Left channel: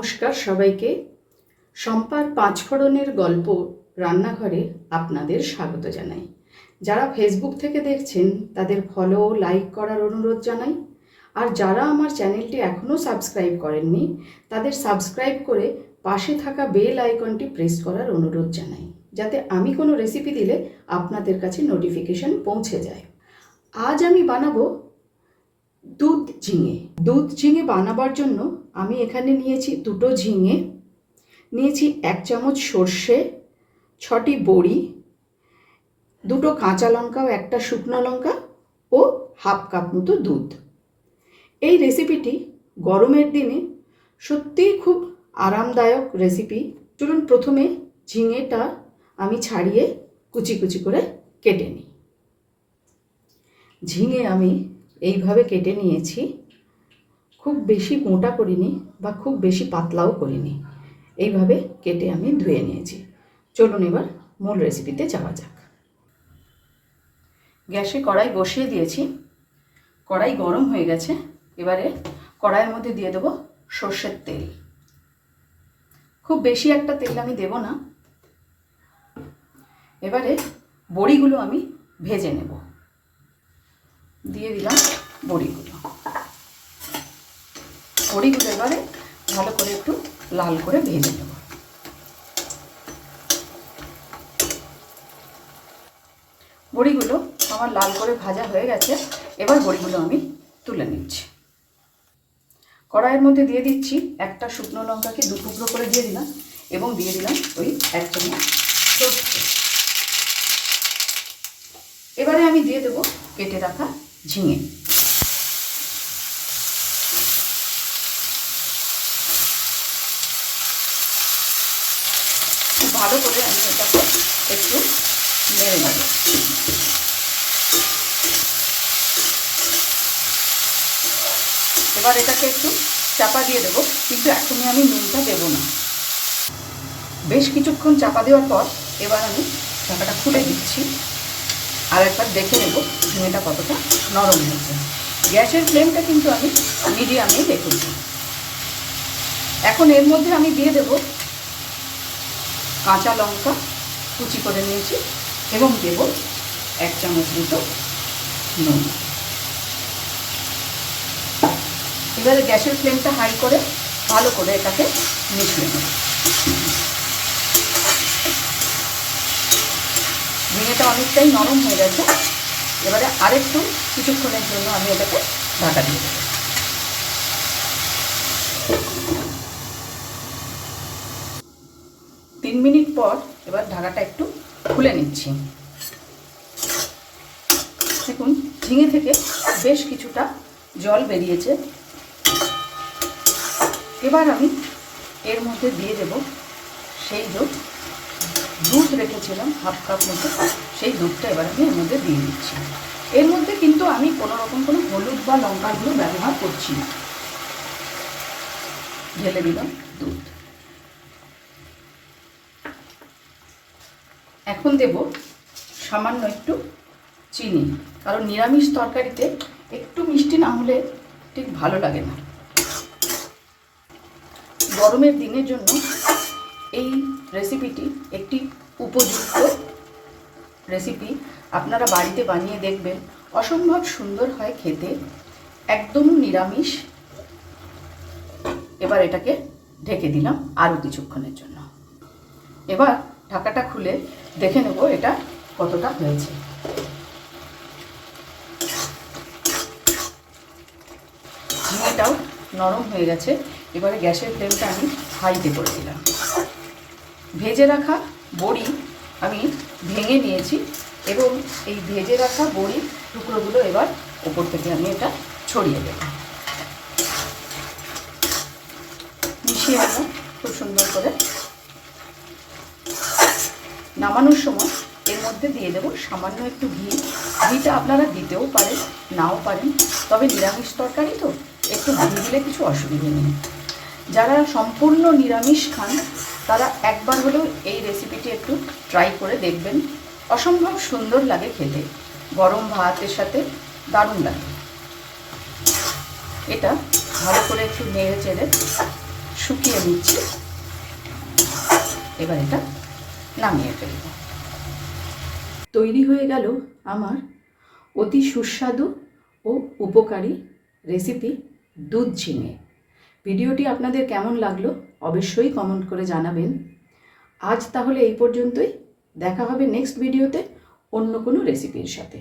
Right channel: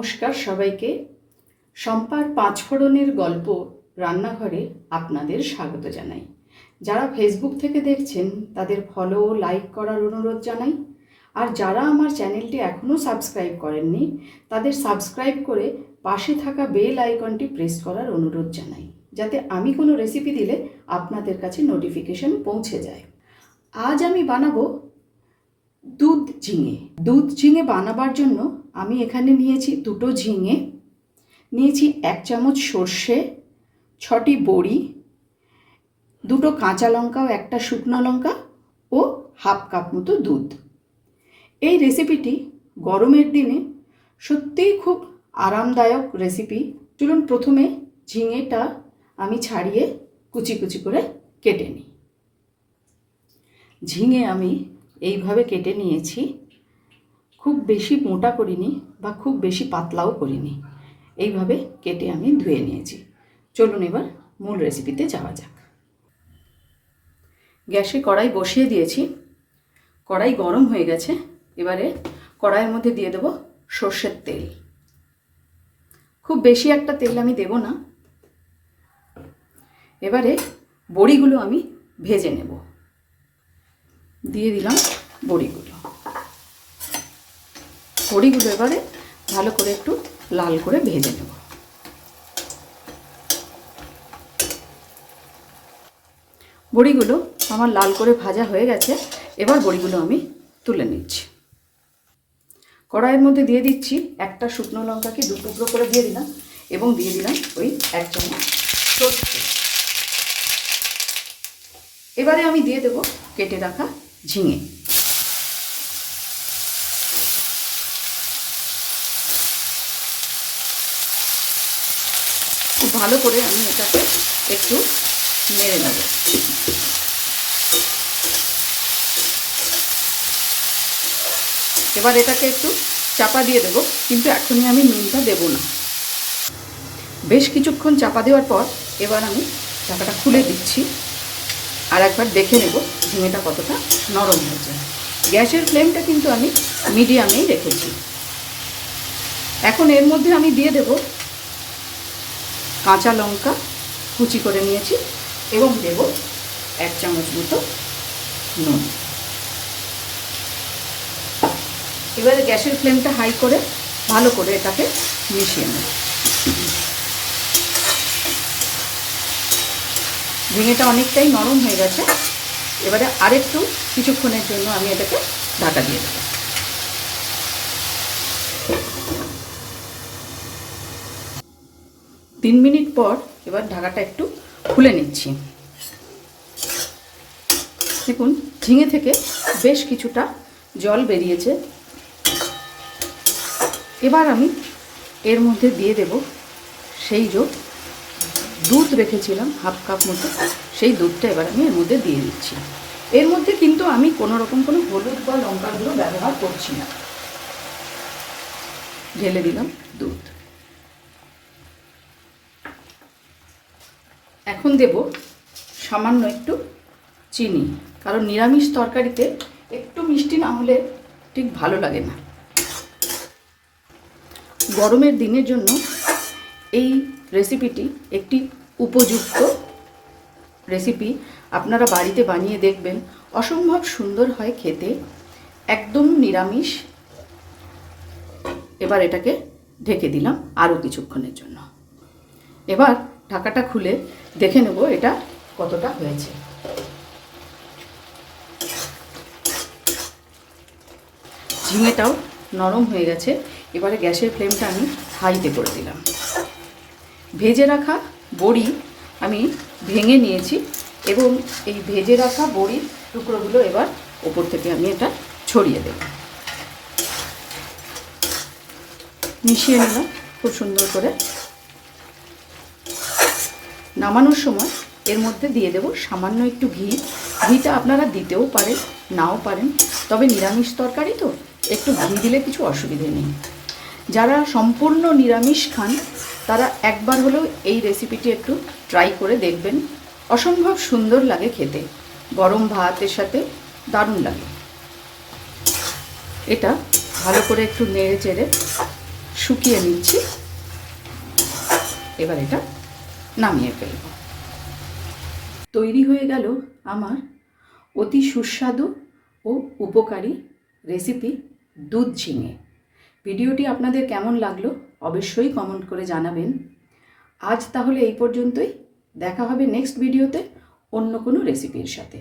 নমস্কার সবাইকে। শম্পার পাঁচফোড়নের গল্প রান্নাঘরে আপনাদের স্বাগত জানাই। যারা ফেসবুক থেকে দেখছেন, তাদের ফলো লাইক করার অনুরোধ জানাই। আর যারা আমার চ্যানেলটি এখনও সাবস্ক্রাইব করেননি, তাদের সাবস্ক্রাইব করে পাশে থাকা বেল আইকনটি প্রেস করার অনুরোধ জানাই। যাতে আমি কোনো রেসিপি দিলে আপনাদের কাছে নোটিফিকেশন পৌঁছে যায়। আজ আমি বানাবো দুধ ঝিঙে। দুধ ঝিঙে বানাবার জন্য আমি এখানে নিয়েছি দুটো ঝিঙে, নিয়েছি এক চামচ সর্ষে, ছটি বড়ি, দুটো কাঁচা লঙ্কা ও একটা শুকনো লঙ্কা ও হাফ কাপ মতো দুধ। এই রেসিপিটি গরমের দিনে সত্যিই খুব আরামদায়ক রেসিপি। চলুন প্রথমে ঝিঙেটা আমি ছাড়িয়ে কুচি কুচি করে কেটে নিই। ঝিঙে আমি এইভাবে কেটে নিয়েছি। খুব বেশি মোটা করিনি বা খুব বেশি পাতলাও করিনি। এইভাবে কেটে আমি ধুয়ে নিয়েছি। চলুন এবার মূল রেসিপিতে যাওয়া যাক। গ্যাসে কড়াই বসিয়ে দিয়েছি। কড়াই গরম হয়ে গেছে। এবারে কড়াইয়ের মধ্যে দিয়ে দেবো সর্ষের তেল। খুব বেশি একটা তেল আমি দেব না। এবারে বড়িগুলো আমি ভেজে নেব। দিয়ে দিলাম বড়িগুলো। বড়িগুলো এবারে ভালো করে একটু লাল করে ভেজে নেব। বড়িগুলো আমার লাল করে ভাজা হয়ে গেছে, এবার বড়িগুলো আমি তুলে নিচ্ছি। কড়াইয়ের মধ্যে দিয়ে দিচ্ছি একটা শুকনো লঙ্কাকে দু টুকরো করে দিয়ে দিলাম এবং দিয়ে দিলাম ওই এক চামচ এবারে আমি দিয়ে দেবো কেটে রাখা ঝিঙে। খুব ভালো করে আমি এটাকে একটু নেড়ে নেব। এবার এটাকে একটু চাপা দিয়ে দেবো, কিন্তু এখনই আমি নুনটা দেবো না। বেশ কিছুক্ষণ চাপা দেওয়ার পর এবার আমি চাপাটা খুলে দিচ্ছি আর একবার দেখে নেব ঝিঙেটা কতটা নরম হয়েছে। গ্যাসের ফ্লেমটা কিন্তু আমি মিডিয়ামেই রেখেছি। এখন এর মধ্যে আমি দিয়ে দেব কাঁচা লঙ্কা কুচি করে নিয়েছি এবং দেব এক চামচ মতো নুন। এবারে গ্যাসের ফ্লেমটা হাই করে ভালো করে এটাকে মিশিয়ে নেব। ঝিঙেটা অনেকটাই নরম হয়ে গেছে। এবারে আরেকটু কিছুক্ষণের জন্য আমি এটাকে ঢাকা দিয়ে দেবো। তিন মিনিট পর এবার ঢাকাটা একটু খুলে নিচ্ছি। দেখুন, ঝিঙে থেকে বেশ কিছুটা জল বেরিয়েছে। এবার আমি এর মধ্যে দিয়ে দেব সেই যে দুধ রেখেছিলাম, হাফ কাপ মতো। সেই দুধটা এবার আমি এর মধ্যে দিয়ে দিচ্ছি। এর মধ্যে কিন্তু আমি কোনো রকম কোনো হলুদ বা লঙ্কার গুঁড়ো ব্যবহার করছি না। ঢেলে দিলাম দুধ। এখন দেব সামান্য একটু চিনি, কারণ নিরামিষ তরকারিতে একটু মিষ্টি না হলে ঠিক ভালো লাগে না। গরমের দিনের জন্য এই রেসিপিটি একটি উপযুক্ত রেসিপি আপনারা বাড়িতে বানিয়ে দেখবেন, অসম্ভব সুন্দর হয় খেতে, একদম নিরামিষ। এবার এটাকে ঢেকে দিলাম আরও কিছুক্ষণের জন্য। এবার ঢাকাটা খুলে দেখে নেব এটা কতটা হয়েছে। ঝিঙেটাও নরম হয়ে গেছে। এবারে গ্যাসের ফ্লেমটা আমি হাইতে করে দিলাম। ভেজে রাখা বড়ি আমি ভেঙে নিয়েছি এবং এই ভেজে রাখা বড়ির টুকরোগুলো এবার ওপর থেকে আমি এটা ছড়িয়ে দেব। মিশিয়ে নেব খুব সুন্দর করে। নামানোর সময় এর মধ্যে দিয়ে দেব সামান্য একটু ঘি। ঘিটা আপনারা দিতেও পারেন, নাও পারেন, তবে নিরামিষ তরকারি তো, একটু ঘি দিলে কিছু অসুবিধে নেই। যারা সম্পূর্ণ নিরামিষ খান, তারা একবার হলেও এই রেসিপিটি একটু ট্রাই করে দেখবেন। অসম্ভব সুন্দর লাগে খেতে, গরম ভাতের সাথে দারুণ লাগে। এটা ভালো করে একটু নেড়ে চেড়ে শুকিয়ে নিচ্ছি। এবার এটা নামিয়ে ফেলব। তৈরি হয়ে গেল আমার অতি সুস্বাদু ও উপকারী রেসিপি দুধ ঝিঙে। ভিডিওটি আপনাদের কেমন লাগল অবশ্যই কমেন্ট করে জানাবেন। আজ তাহলে এই পর্যন্তই। দেখা হবে নেক্সট ভিডিওতে অন্য কোনো রেসিপির সাথে।